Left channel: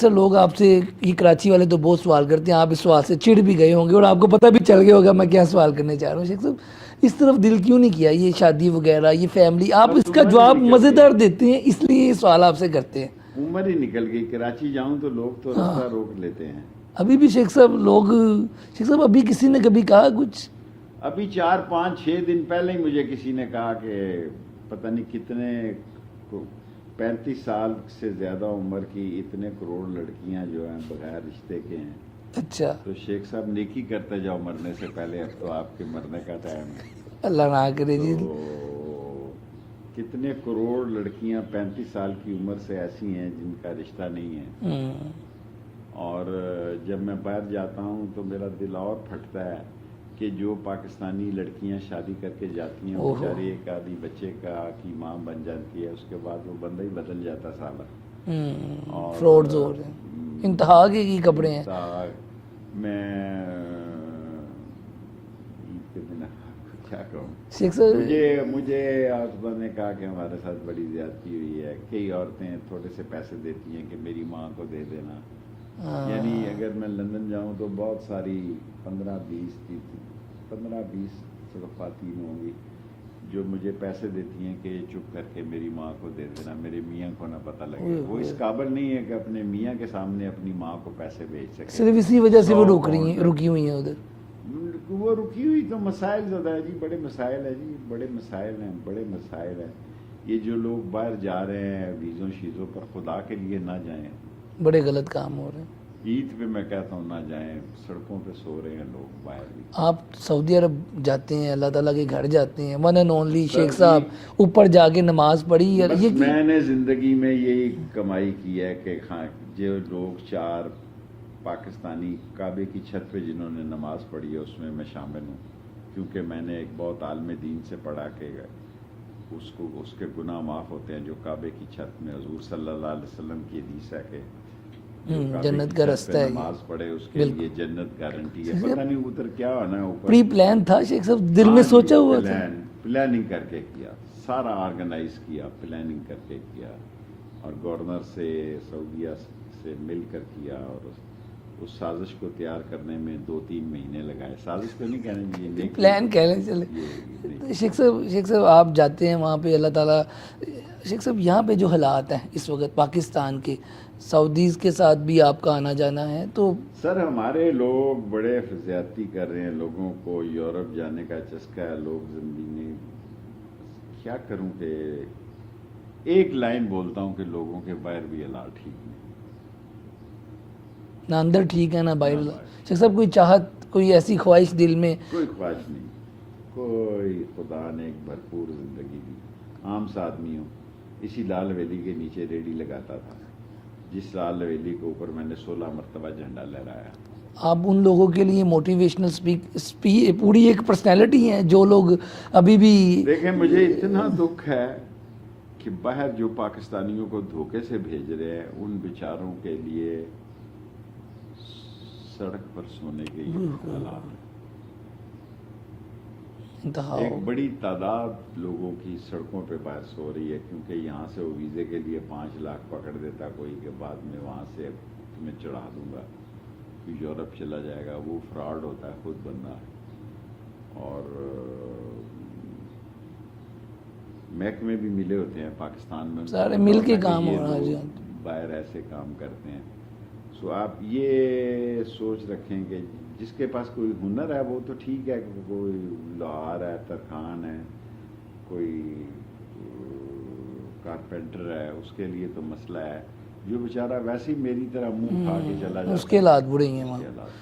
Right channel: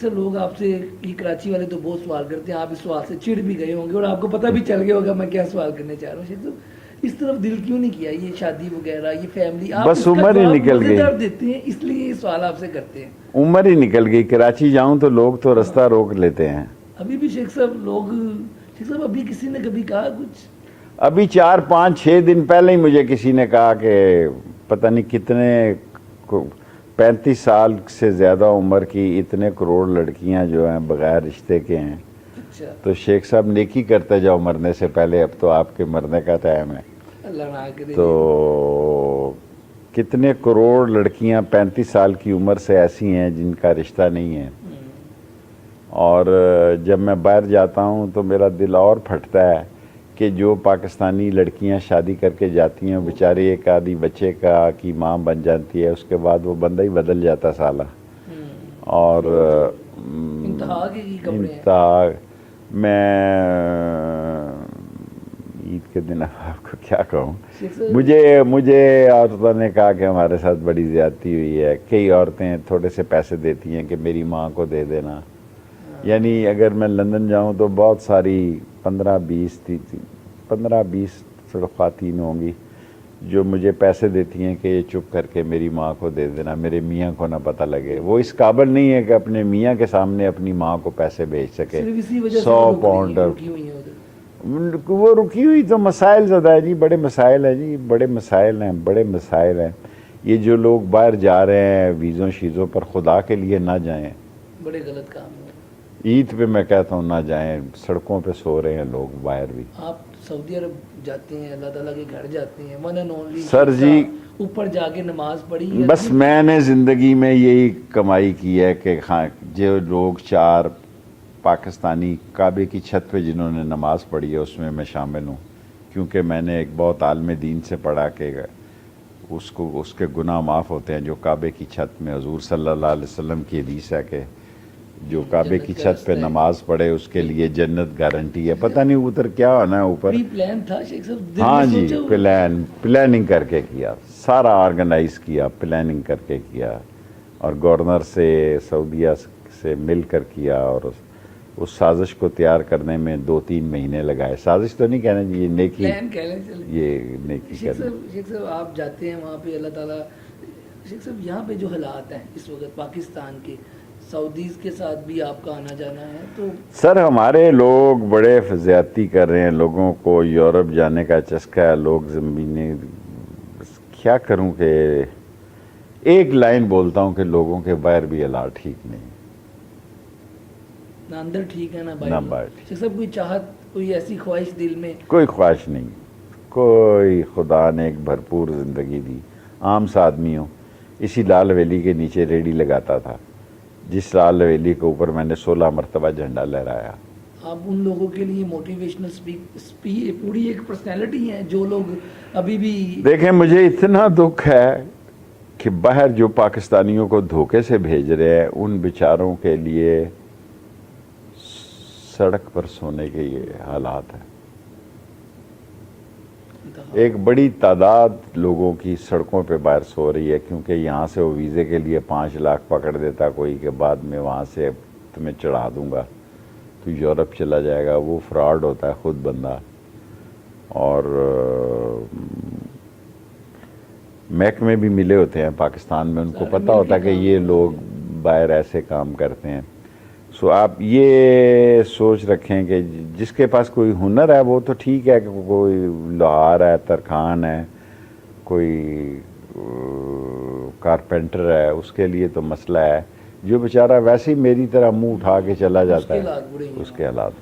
اکثر لوگ آپ سے یہ کراچی والے تو بہت سوال کرتے ہیں، آپ اس سوال سے چڑ بھی گئے ہوں گے اور آپ کو پتہ بھی چل گیا ہوگا میں کیا سوال کرنے چاہ رہا ہوں۔ شیخ صاحب اس طرف دل کیوں نہیں کیا، یہ شادی وغیرہ، یہ فیملی، آپ بس اس کا عمر ہی جواب نکل مزیدار گئی، دیتے ہیں اس لیے یہ سوال آپ سے کرتے ہیں۔ عمر ہی نکل گئی، کراچی جاؤں تو لوگ تو رستہ روک لیتے ہیں۔ ابھی بھی شیخ صاحب ابھی کسی نے کبھی کہا کچھ؟ ابھی 4-5-6 دن پہلے ہی مجھے کسی نے کہا کہ پتہ نہیں کتنے 35 سال سے زیادہ عمر کی اتنے کروڑ لڑکیاں جو ہیں بغیر رشتے کے ہیں، اچھا، تو شیخ صاحب نیکی کرتے جاؤ مرنے سے پہلے، اب تو آپ کے مرنے کا ٹائم ہے۔ اللہ نہ کرے تو جی۔ کتنے کروڑ لڑکیاں 35 سال کی عمر سے ایسی ہیں جن کا رشتہ نہیں ہے، اور جب میں باہر جاتا ہوں تو میرا دل اور پھٹتا ہے کہ جو پاکستانی لڑکیاں شادی کر کے جاتی ہیں بیچاری ایک آدھی بچے کی ماں بن جاتی ہے، اس کے بعد وہ بندہ ہی بدل جاتا سالہ، اور انتہا کے ہی کپڑے ہیں۔ میں عید کے دن آپ کو کیا کہوں، شیخ صاحب مجھے عورتوں نے کہا کہ ہمارے ساتھ بڑی زیادتی ہوئی ہے، کئی عورتیں تھوڑے سے پیسے دیتی ہیں کہ میری ماں کو دے دینا، یعنی اگر میں لندن جاؤں تو بہت ساری 15-20 خواتین ہوں گی جو مجھے پیسے دیتی ہیں کہ یہ چپ کر کے میری ماں کو دے دینا، میرے میاں کو نہ پتہ لگے۔ وہ اس قابل نہیں ہے کہ اپنے میاں کے سامنے اپنی ماں کو پیسے بھیج سکے۔ صرف اسی وجہ سے وہ رکی ہوئی ہیں ادھر۔ وہ رکی ہوئی تو مسائل زیادہ ہے جی، بڑے مسائل ہیں جی، بڑے مسائل ہیں۔ یہ جو لوگ باہر جا رہے ہیں ویزوں شیزوں پر، خدا کے لیے نہ جائیں، بڑے غلط کام ہو رہے ہیں۔ عید پہ میں کہتا ہوں نہ جائیں، سڑکوں پہ سو رہے ہیں لوگ باہر بھی۔ آپ سعودی عرب جاتے ہیں، اللہ تعالیٰ کے گھر جاتے ہیں، ون اینڈ اونلی سر شیخ جی، صاحب اوپر جا کے نماز پڑھی ہے۔ بس میں نے زندگی میں یہی کمائی کی ہے کہ جو لوگ 4 پاکستانی کعبے کی چھت پہ جنہوں نے نماز پڑھی ہے اس میں شامل ہوں، کیونکہ میں نے ایک بہت عالم دین سے پڑھا کہ اس کے گناہ معاف ہوتے ہیں جو کعبے کی چھت میں، حضور صلی اللہ علیہ وسلم کی حدیث ہے کہ جو کعبے کی چھت پہ نماز پڑھے اس کے لیے جنت گارنٹی ہے۔ پتہ نہیں ادھر کیا ہونا ہے اوپر، پری پلان تھا شیخ صاحب، دل میں ہاں جی، سوچا ہوا تھا؟ پلاننگ کر کے کیا، سارا آرگنائز کیا، پلاننگ کر کے کیا، اور گورنر سے سعودیہ سے مل کر کیا، اور اس سازش کو تیار کرنے میں 2-3 مہینے لگائے۔ سازش تو نہیں کہنا جی، یہ نیکی، پلان کہہ لیں چلے۔ یہ نیکی۔ شیخ صاحب آپ جاتے ہیں وہاں پہ، اللہ تعالیٰ، شیخ صاحب یہاں پہ جو حالات ہیں اس وقت پاکستان کے، سعودیز کے ساتھ بھی آپ کا آنا جانا ہے تو سر ہمارے لوگ بڑے زیادتی کر رہے ہیں، لوگوں کو یورپ جانے کا چسکا ہے، لوگ زمینیں، کیا کروں کہ ایک لائن بولتا ہوں کہ لوگوں کے باہر بھی حالات ٹھیک نہیں، نہ اندر ٹھیک ہے نہ باہر۔ باہر۔ شیخ صاحب کوئی چاہت، کوئی ایسی خواہش دل میں؟ کوئی خواہش نہیں، کوئی، خدا نے ایک بھرپور زندگی دی، عام سا آدمی ہوں، اسی لال ویلی کے نیچے ریڑھی لگاتا تھا جس لال ویلی کے اوپر میں نے 16 مرتبہ جھنڈا لہرایا۔ آپ ان لوگوں کے لیے موٹیویشنل پوری ایک پرسنالٹی ہیں جو لوگ ابھی بھی دیکھیں مجھے اتنا دکھ ہے کہ باہر جو پاکستانیوں کو دھوکے سے بھیج رہے ہیں ان بیچاروں کے لیے سڑک پر سونے کے یہ حالات ہیں۔ ایک بڑی تعداد لوگوں کی سڑکوں پہ باہر سو رہی ہے، کیونکہ یہاں سے وہ ویزے کے لیے 5 لاکھ پکڑ دیتا کوئی کہ بعد میں وہاں سے تمہیں چڑھا دوں گا تو یورپ چلا جائے گا، وہ فراڈ ہوتا ہے خود بندہ۔ اور محکمے بھی ملے ہوتے ہیں پاکستان میں، ان کو پتہ ہوتا ہے کہ یہ لوگ باہر ایسے کام کرتے ہیں۔ سو آپ یہ سوچ رکھیں کہ جس کے پاس کوئی ہنر ہے وہ تو ٹھیک ہے، کہ کوئی لوہار ہے، ترکھان ہے، کوئی کارپینٹر ہے، اس کے لیے تو مسئلہ ہے۔ جو بیچارہ ویسے ہی میری طرح منہ اٹھا کے چلا جاتا ہے، اس کے حالات برے ہیں، اس کے حالات